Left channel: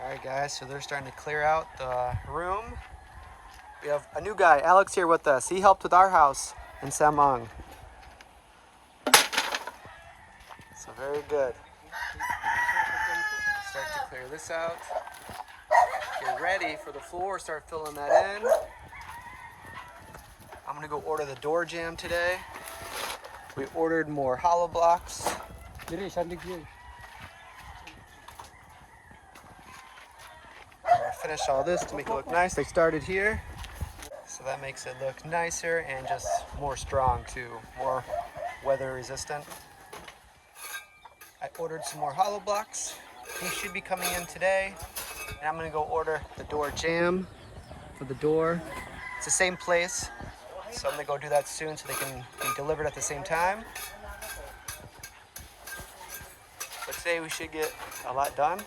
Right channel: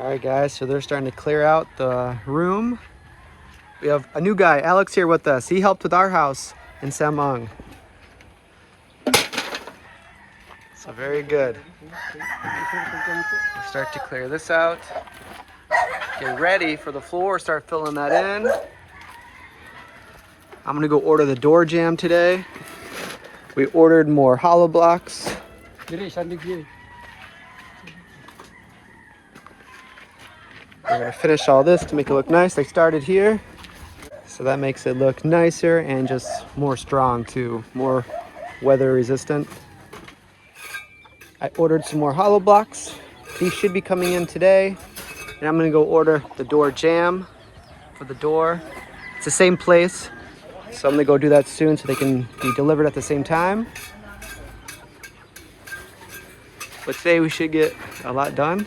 All right, guys, so they're starting to clear out the room. We have a new guy, Alex, here with us. He helped with our house in Samang. So very good. We'll start to clear this out. Get ready for the floor, start filling that in. I'm gonna go order the door jamb today. We ordered more hollow blocks. We're gonna finish all this to make it look nice. I started here, so that makes it look nicer and just more strong too, more weather resistant. I ordered some more hollow blocks. These should be coming in today. And I'm gonna go order the door jamb for the door. It's the same place, so I'm gonna go do that soon so they can be delivered at the same time. But today we should get a lot done.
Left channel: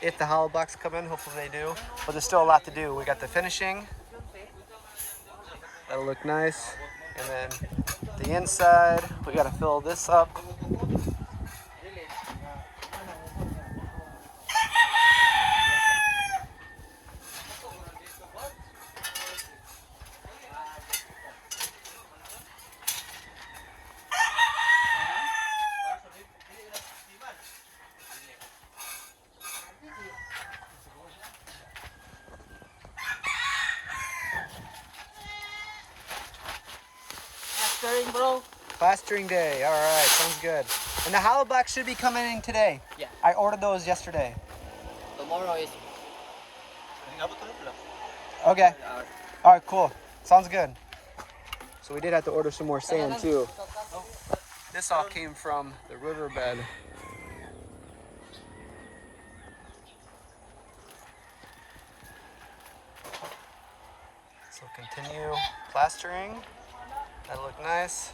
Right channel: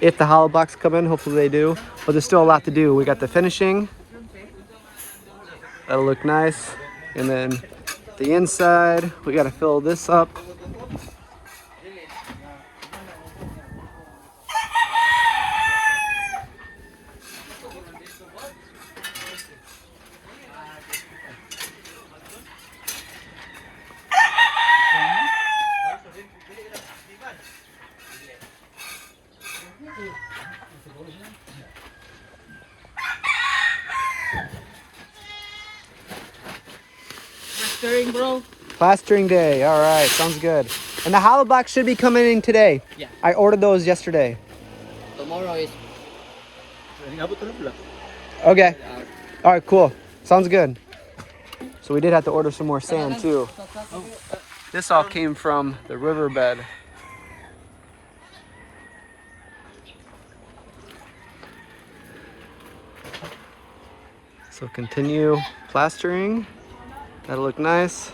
If the hollow blocks come in, hopefully they do. But there's still a lot to do. We got the finishing. That'll look nice. And then the inside, we gotta fill this up. Plastering, bro. Plastering day, all right, sounds good. And the hollow blocks should be coming in today. Yeah. I ordered those yesterday. Tomorrow is. Okay. All right, cool. Sounds good. So we did have to order some more sand too. This all came from the riverbed. So continue plastering. That'll look nice.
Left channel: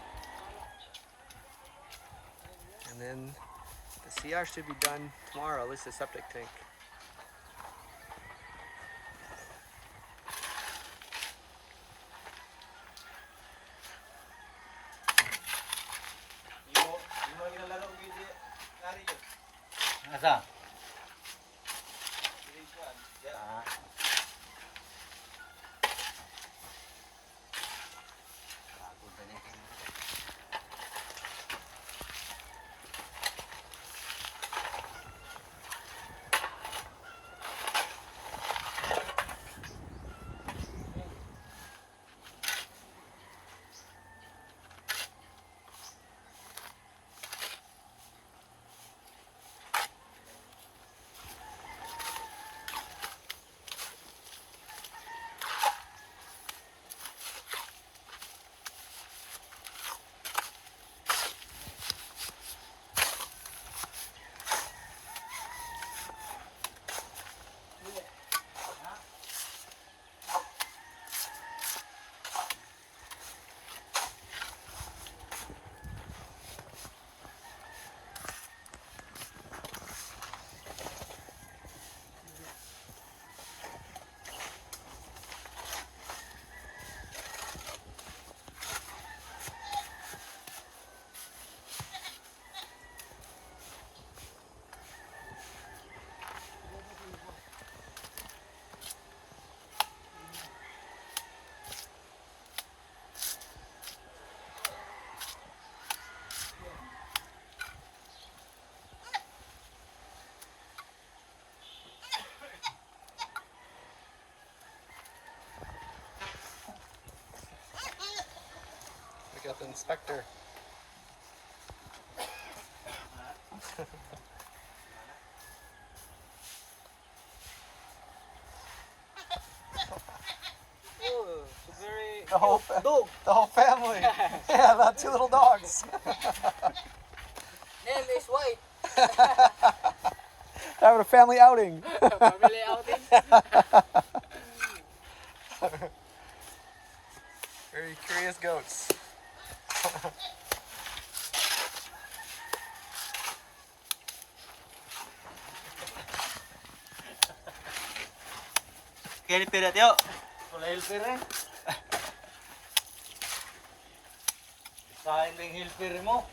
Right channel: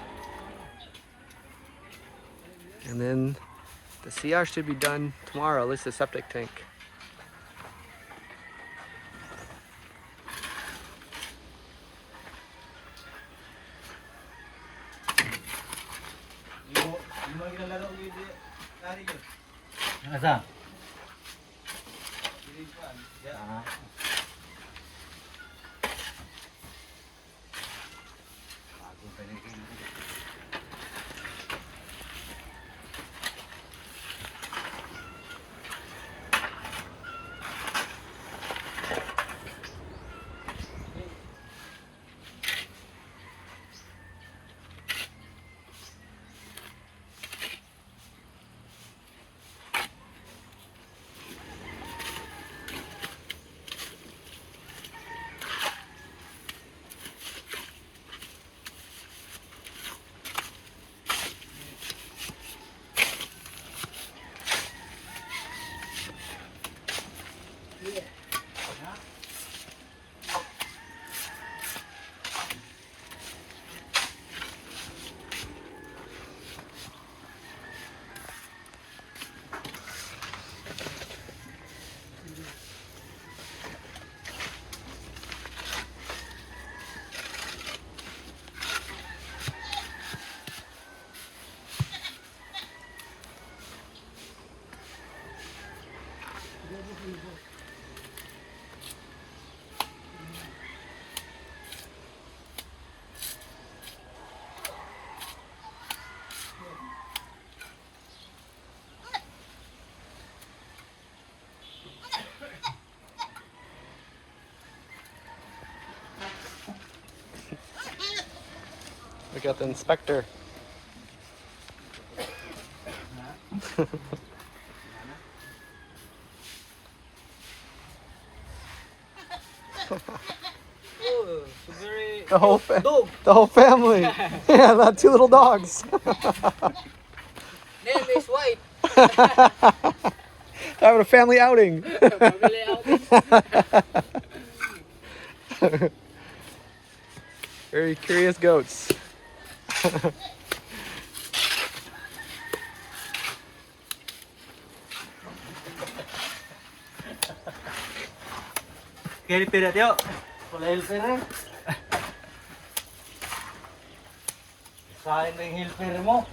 And then the CR should be done tomorrow, at least the septic tank. Asa? We got the inspector. The whole family. Yeah, the two little dogs. Name is White. Having a family outing. Family outing. Very curious goats. Kaya pera tiyo. Wala yung pera. Saan na yung helper mo?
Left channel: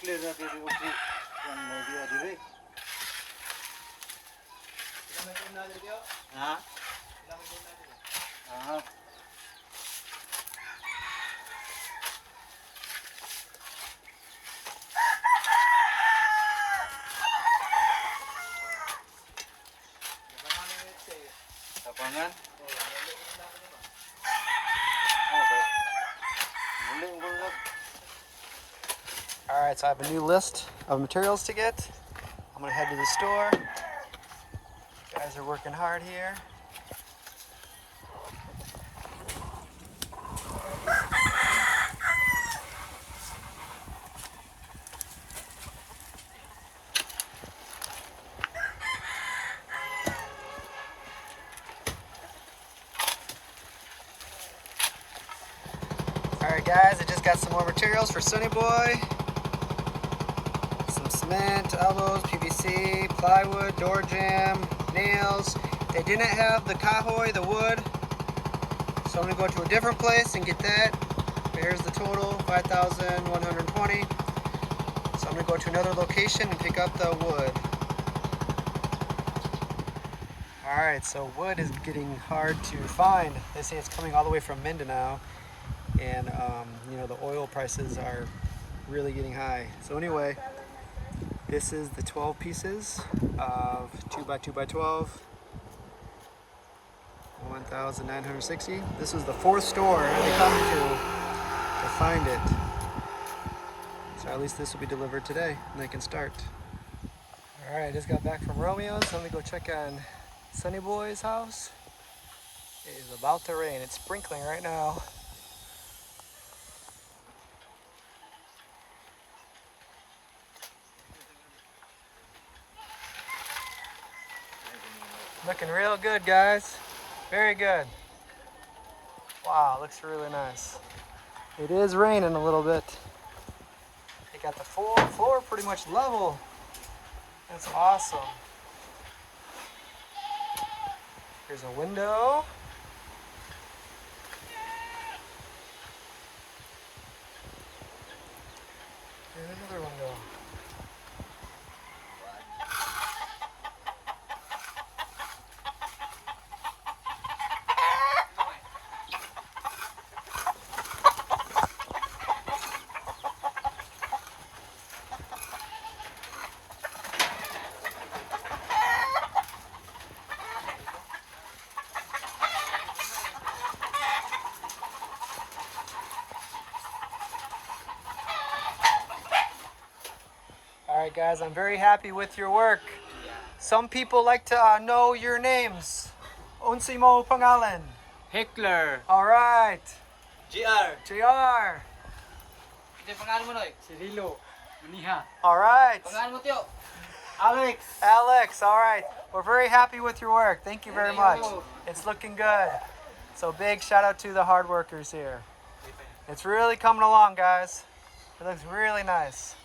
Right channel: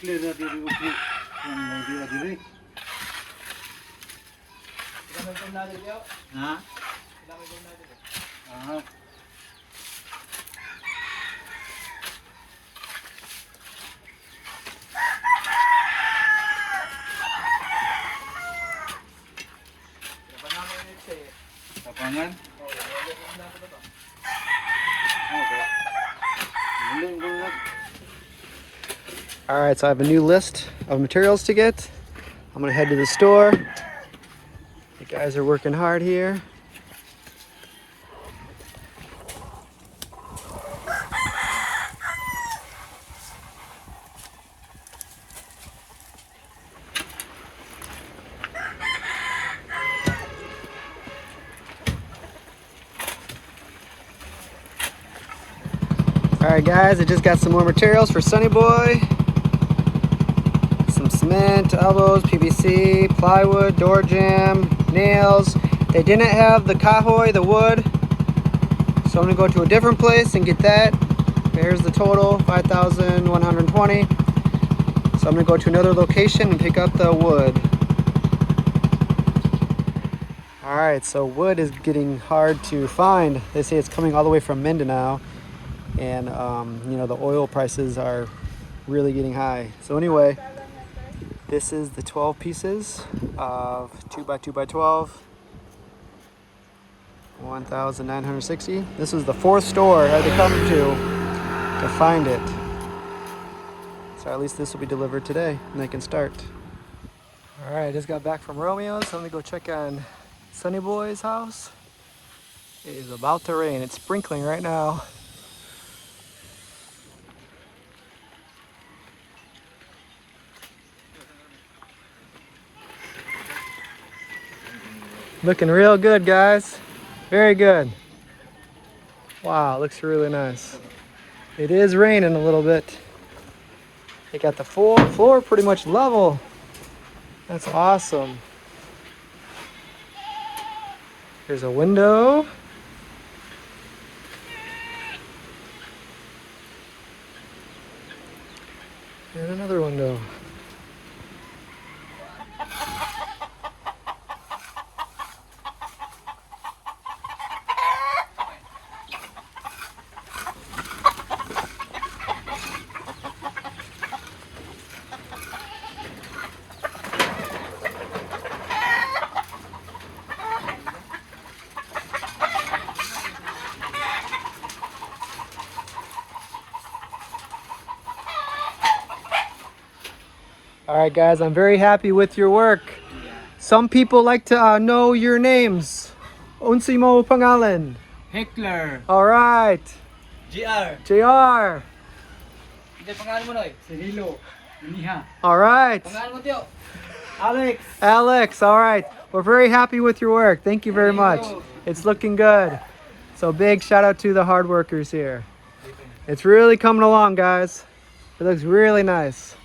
Clear na diri upo. Yung diri. Ha? Ah. Tapangan? All right, so I have a new list of materials to get. I'm gonna head to the store. You guys are working hard here. All right, guys, I just got some more materials for Sonny Boy. Some cement, elbows, PVC, plywood, door jamb, nails. They didn't have the kahoy, the wood, so I'm gonna go to a different place and get that. There's the total, 5,120. So I'm gonna go to another location and pick up the wood. All right, so wood is getting hard to find. They say it's coming all the way from Mindanao, and you know, the oil prices are really getting high. So anyway, this is the 12 pieces of 2x2x12, 1,960. This is the fourth store I had to come to find it. So at least this will be delivered today and I can start. All right, I just got back from Romeo's. So I'm gonna go check on Sonny Boy's house. It is about to rain. It's sprinkling right now. Looking real good, guys. Very good. Wow, looks really nice. It is raining a little bit. They got the full floor pretty much level. That's awesome. Here's a window. And another window. All right, guys, I'm very happy with your work. Some people like to know your names. Unsi mo pangalan? Heckler. All right. GR. JR. Hindi pangalan mo, Noy? Cirilo. Maniha. All right. Pangalan mo, Tio? Alex. Alex, all right. We're very happy with your work. Thank you very much. It's looking good. So big shout out to the hard workers here. It's really coming along, guys. It looks really nice.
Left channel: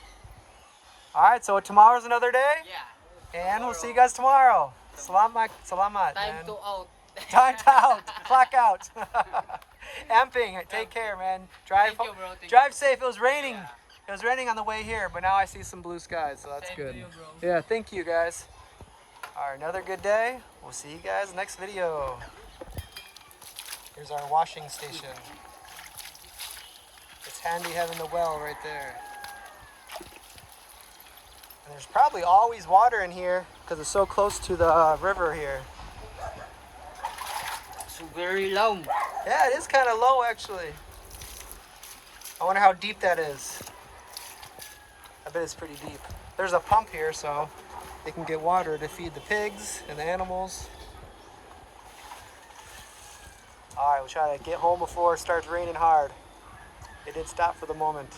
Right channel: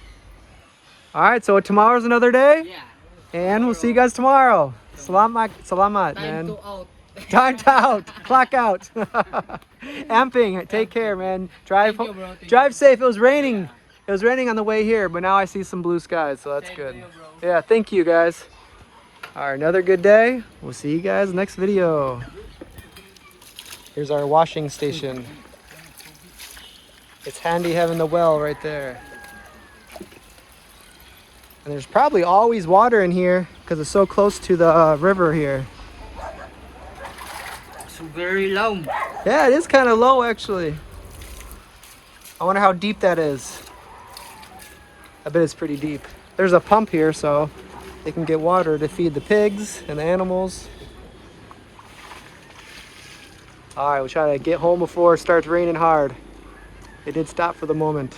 All right, so tomorrow's another day, Yeah. and we'll see you guys tomorrow. Salamat, salamat, Time man. to out. Time out, clock out. Amping, take care, man. Drive, Thank you, bro. Thank drive you. safe. It was raining. It was raining on the way here, but now I see some blue skies, so that's Same good. to you, bro. Yeah, thank you, guys. All right, another good day. We'll see you guys next video. Here's our washing station. It's handy having the well right there. And there's probably always water in here because it's so close to the river here. It's very long. Yeah, it is kind of low actually. I wonder how deep that is. I bet it's pretty deep. There's a pump here so they can get water to feed the pigs and the animals. All right, we'll try to get home before it starts raining hard. It did stop for the moment.